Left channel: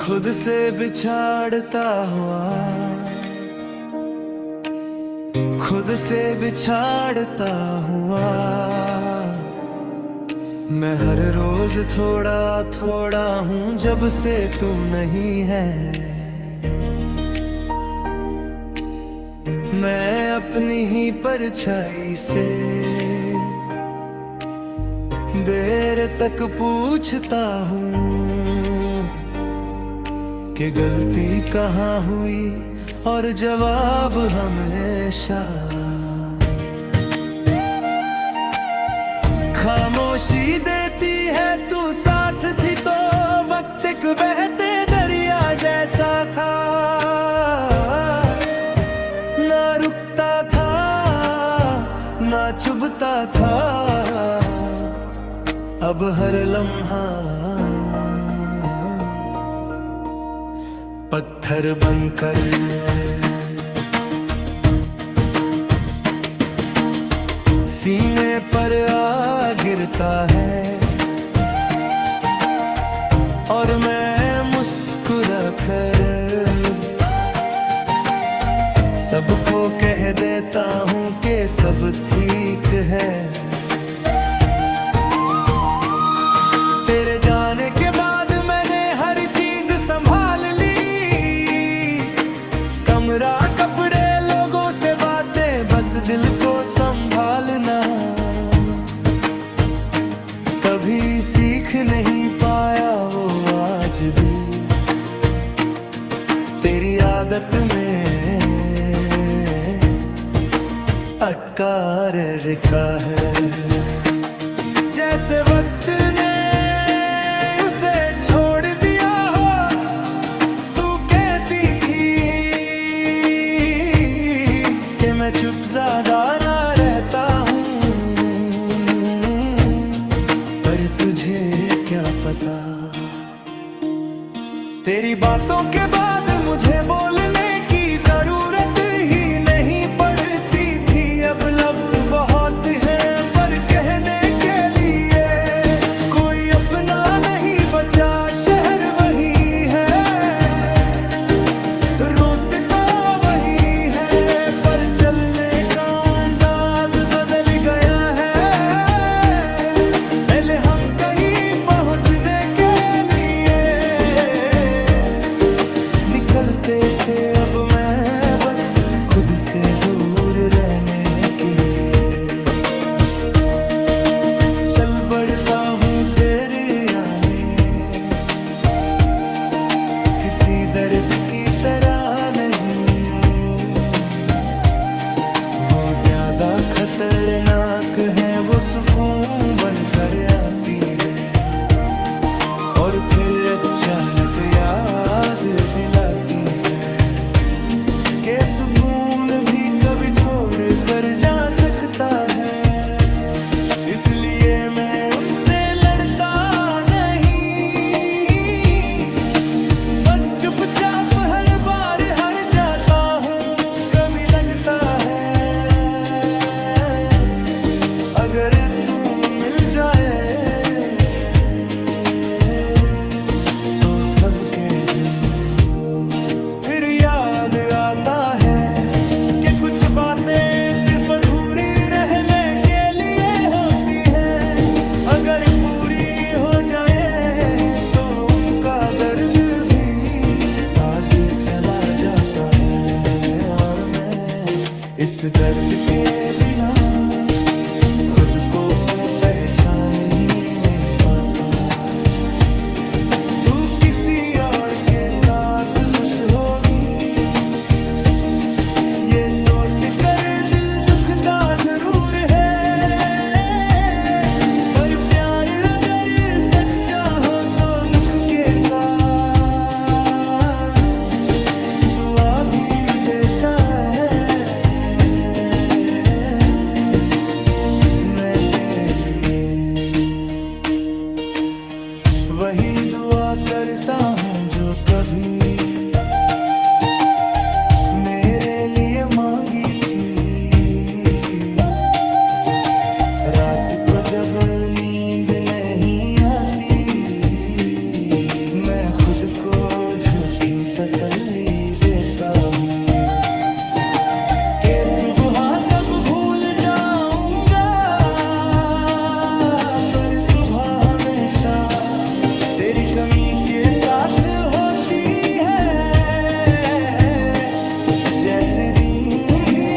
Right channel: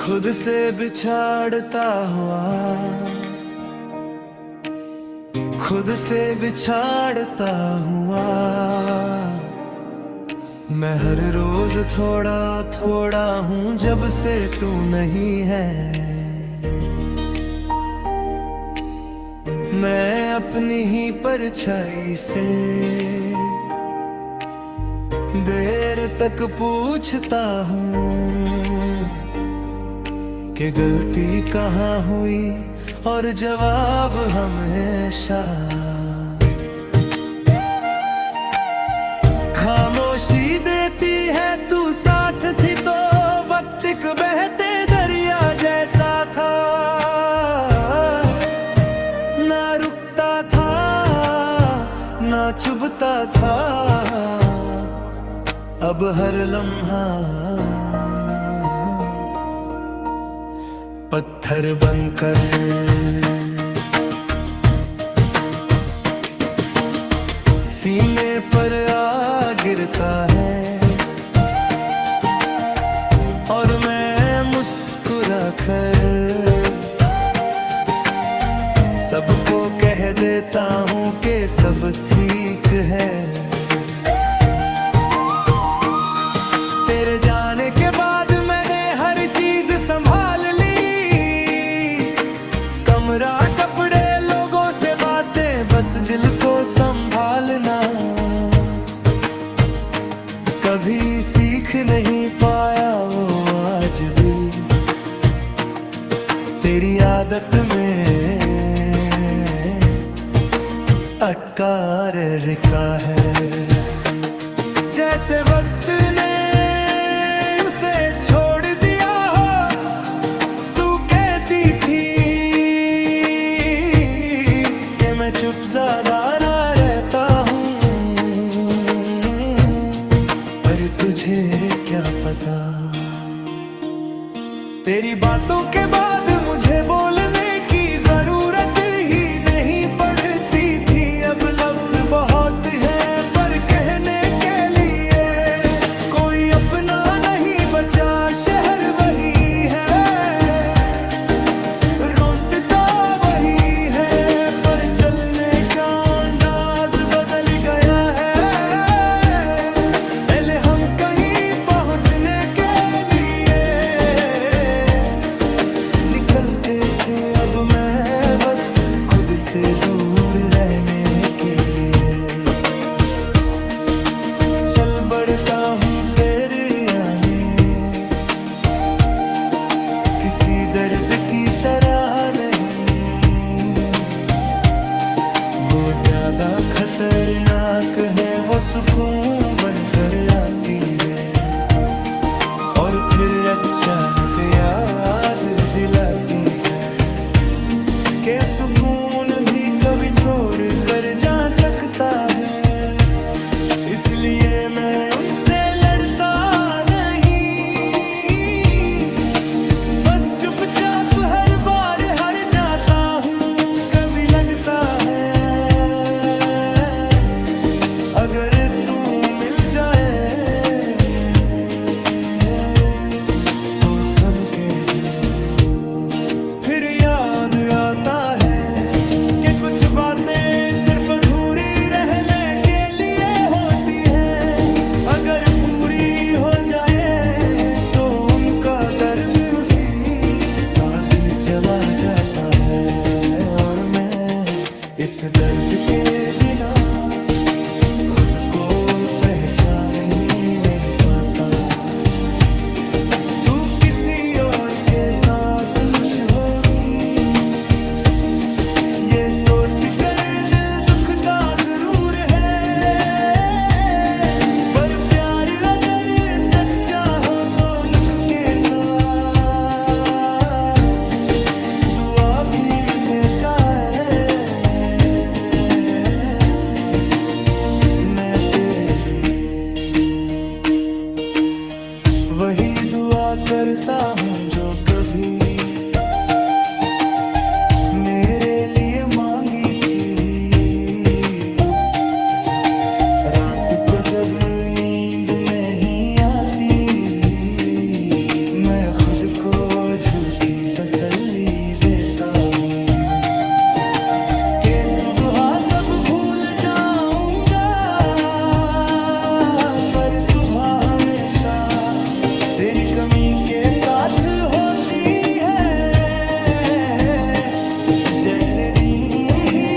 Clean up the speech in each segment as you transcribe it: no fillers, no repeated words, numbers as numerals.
खुद से बिछाड़ता हुआ, खुद से बिछाड़ता हुआ, मैं हर रोज थोड़ा थोड़ा हूँ जब से तू नहीं है। मैं अपनी ही परछाई से देर तक पूछता हूँ कि गलती कहाँ हुई, और जवाब हमेशा खामोशी देती है। तू साथ थी तो वक्त एक बहते दरिया जैसा था, ना रुकता था ना चुभता था। अब हर लम्हा पत्थर बनकर सीने पर आ गिरता है, और मैं मुस्कुरा कर सबको कह देता हूँ कि सब ठीक है। तेरे जाने के बाद मैंने हर चीज संभाल ली, कमरा कपड़े लोगों से बातें, बस दिल को संभालना कभी सीख नहीं पाया वो आज भी तेरी आदत में अटका रखा है। जैसे वक्त ने उसे छोड़ दिया हो, तू कहती थी कि मैं चुप ज़्यादा ना रहता हूँ, पर तुझे क्या पता। तेरी बातों के बाद मुझे बोलने की जरूरत ही नहीं पड़ती थी। अब लफ्ज बहुत है पर कहने के लिए कोई अपना नहीं बचा। शहर वही है, रास्ता वही है, पर चलने का अंदाज बदल गया है। पहले हम कहीं पहुंचने के लिए निकलते थे, अब मैं बस खुद से दूर रहने के लिए चल बढ़ता हूँ तेरे आने। किसी दर्द की तरह नहीं, वो ज्यादा खतरनाक है, वो सुकून बनकर आती है और फिर अचानक याद दिलाती है कि सुकून भी कभी छोड़ कर जा सकता है। इसलिए मैं उनसे लड़ता नहीं, बस चुपचाप हर बार हार जाता हूँ। कभी लगता है अगर तू मिल जाए तो सब कह दूँ। फिर याद आता है कि कुछ बातें सिर्फ अधूरी रहने के लिए होती हैं। अगर पूरी हो जाए तो उनका दर्द भी साथ चला जाता है, और मैं इस दर्द के बिना खुद को पहचान ही नहीं पाता। तू किसी और के साथ खुश होगी ये सोच कर दिल दुखता जरूर है, पर प्यार अगर सच्चा हो तो दुख के साथ दुआ भी देता है। मैं तेरे लिए वही दुआ करता हूँ जो कभी मेरे लिए मांगी थी। रात को जब नींद नहीं आती मैं मैं खुद को झूठी तसल्ली देता हूँ कि सुबह सब भूल जाऊंगा, पर सुबह हमेशा तेरी कमी के साथ होती है। जैसे दिन ही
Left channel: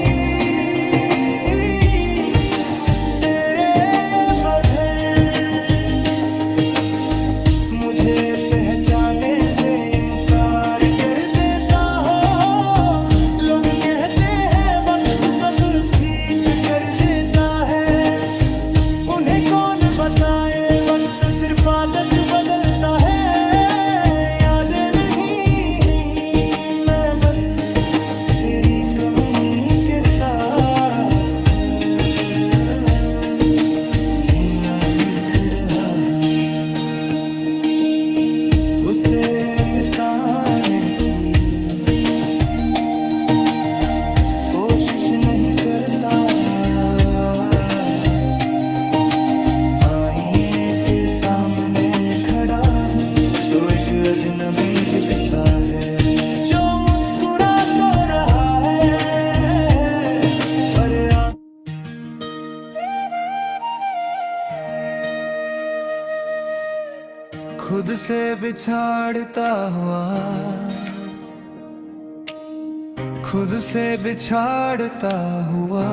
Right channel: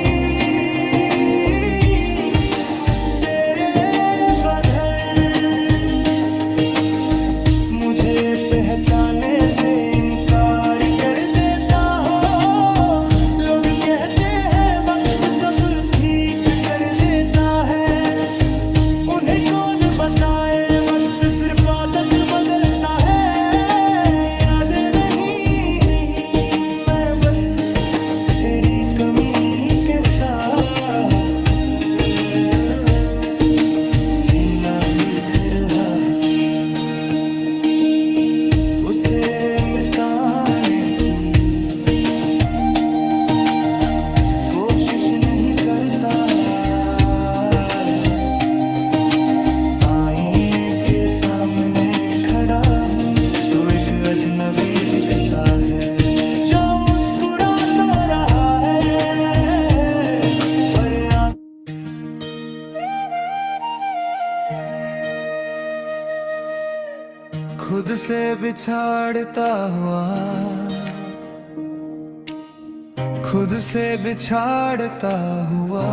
तेरे बगैर मुझे पहचाने से इनकार कर देता हो। लोग कहते हैं वक्त सब ठीक कर देता है, उन्हें कौन बताए वक्त सिर्फ आदत बदलता है। यादें नहीं मैं बस तेरी कमी के साथ जीना सीख रहा हूँ। उसे मिटाने की कोशिश नहीं करता, आईने के सामने खड़ा हूँ तो एक अजनबी दिखता है जो मुस्कुरा तो रहा है पर खुद से बिछाड़ता हुआ, खुद से बिछाड़ता हुआ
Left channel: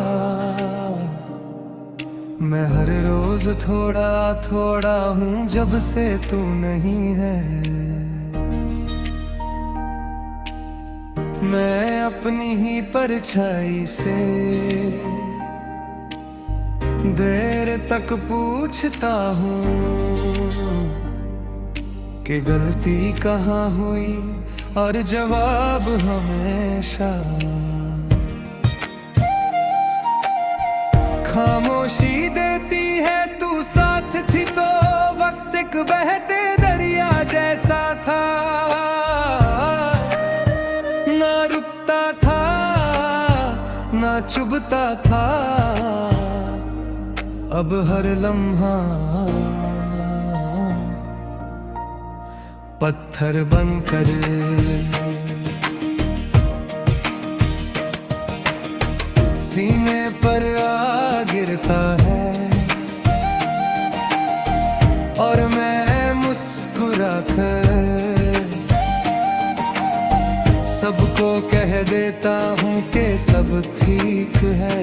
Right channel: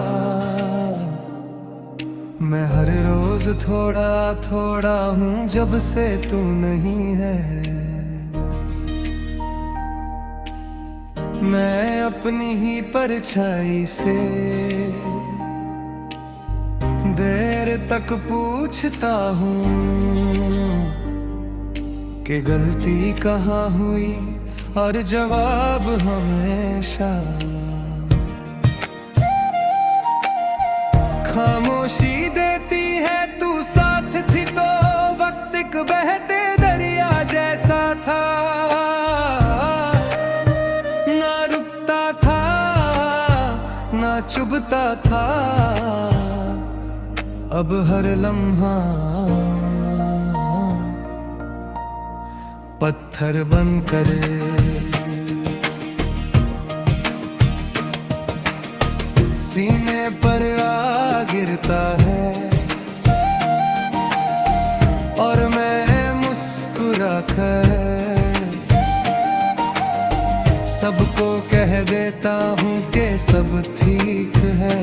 मैं हर रोज थोड़ा थोड़ा हूँ जब से तू नहीं है। मैं अपनी ही परछाई से देर तक पूछता हूँ कि गलती कहाँ हुई, और जवाब हमेशा खामोशी देती है। तू साथ थी तो वक्त एक बहते दरिया जैसा था, ना रुकता था ना चुभता था। अब हर लम्हा पत्थर बनकर सीने पर आ गिरता है, और मैं मुस्कुरा कर सबको कह देता हूँ कि सब ठीक है।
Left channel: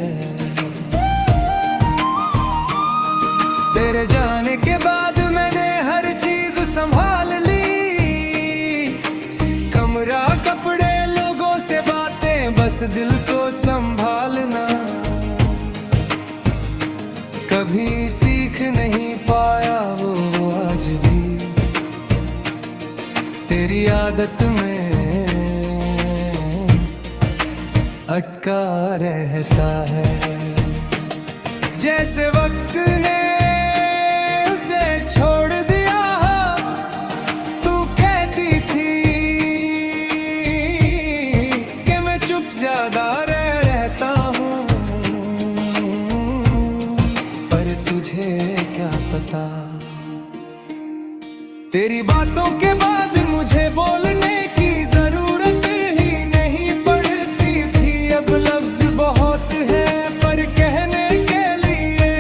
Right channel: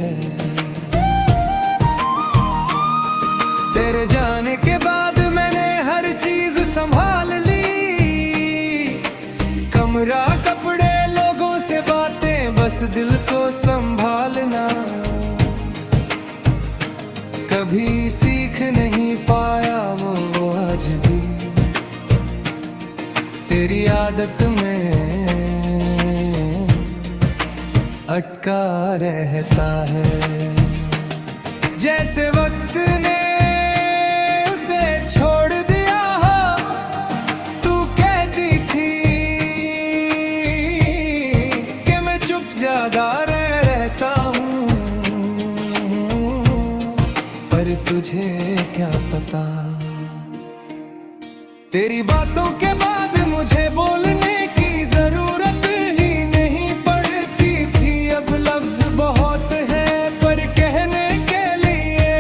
तेरे जाने के बाद मैंने हर चीज संभाल ली, कमरा कपड़े लोगों से बातें, बस दिल को संभालना। कभी सीख नहीं पाया वो आज भी तेरी आदत में अटका रहता है। जैसे वक्त ने उसे छोड़ दिया हो, तू कहती थी कि मैं चुप ज्यादा रहता हूँ, पर तुझे क्या पता। तेरी बातों के बाद मुझे बोलने की जरूरत ही नहीं पड़ती थी। अब लफ्ज बहुत है पर कहने के लिए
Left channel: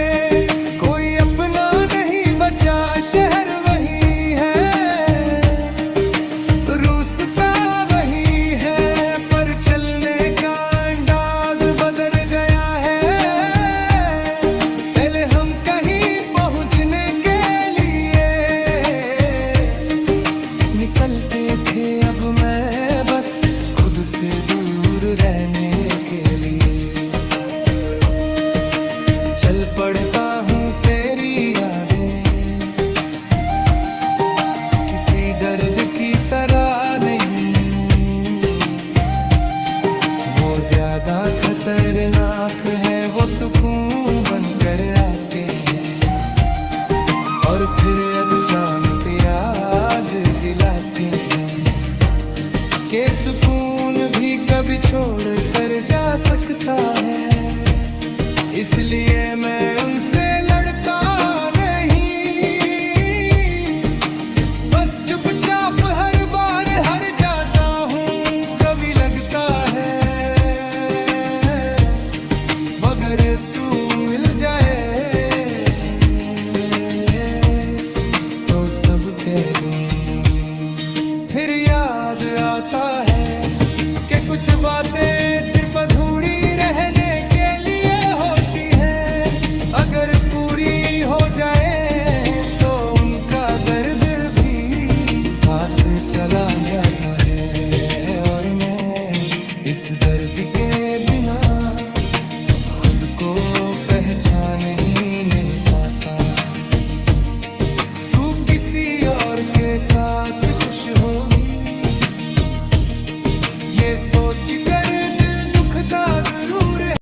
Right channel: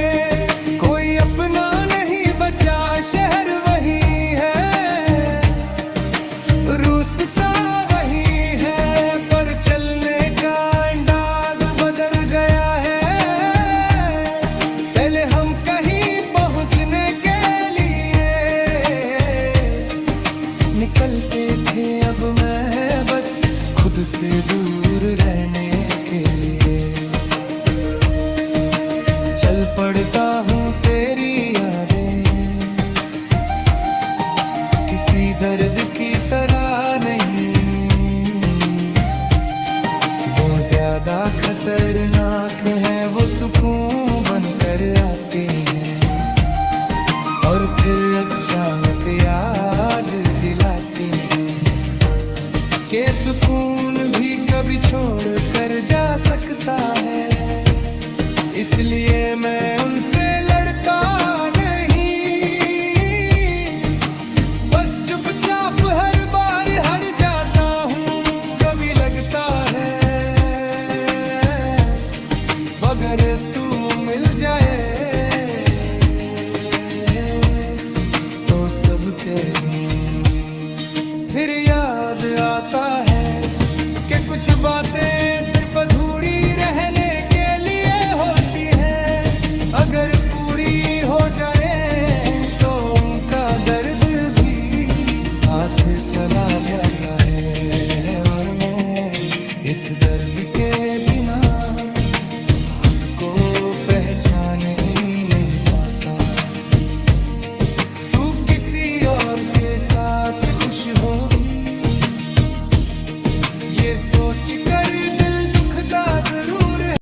कोई अपना नहीं बचा, शहर वही है, रूसता वही है, पर चलने का अंदाज बदल गया है। पहले हम कहीं पहुंचने के लिए निकलते थे, अब मैं बस खुद से दूर रहने के लिए चल पड़ता हूँ। तेरी यादें किसी दर्द की तरह नहीं, वो ज्यादा खतरनाक है, वो सुकून बनकर आती है और फिर अचानक याद दिलाती है कि सुकून भी कभी छोड़ कर जा सकता है। इसलिए मैं उनसे लड़ता नहीं, बस चुपचाप हर के दूं। फिर याद आता है कि कुछ बातें सिर्फ अधूरी रहने के लिए होती है, अगर पूरी हो जाए तो उनका दर्द भी साथ चला जाता है। और मैं इस दर्द के बिना खुद को पहचान ही नहीं पाता। तू किसी और के साथ खुश होगी, ये सोच कर दिल दुखता जरूर है।